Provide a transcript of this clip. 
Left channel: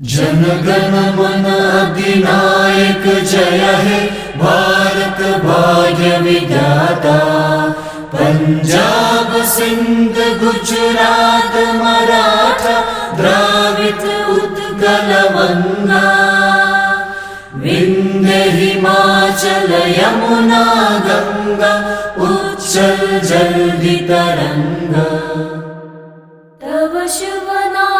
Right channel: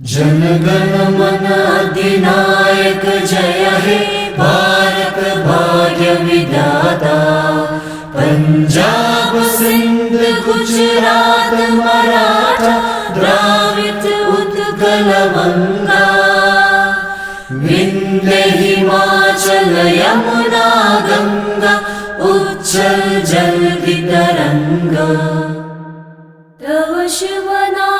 जन गण मन अधिनायक जय हे भारत भाग्य विधाता। पंजाब सिंध गुजरात मराठा द्राविड उत्कल गंगा। विंध्य हिमाचल यमुना गंगा उच्चल जलधि तरंगा। तव शुभ नाम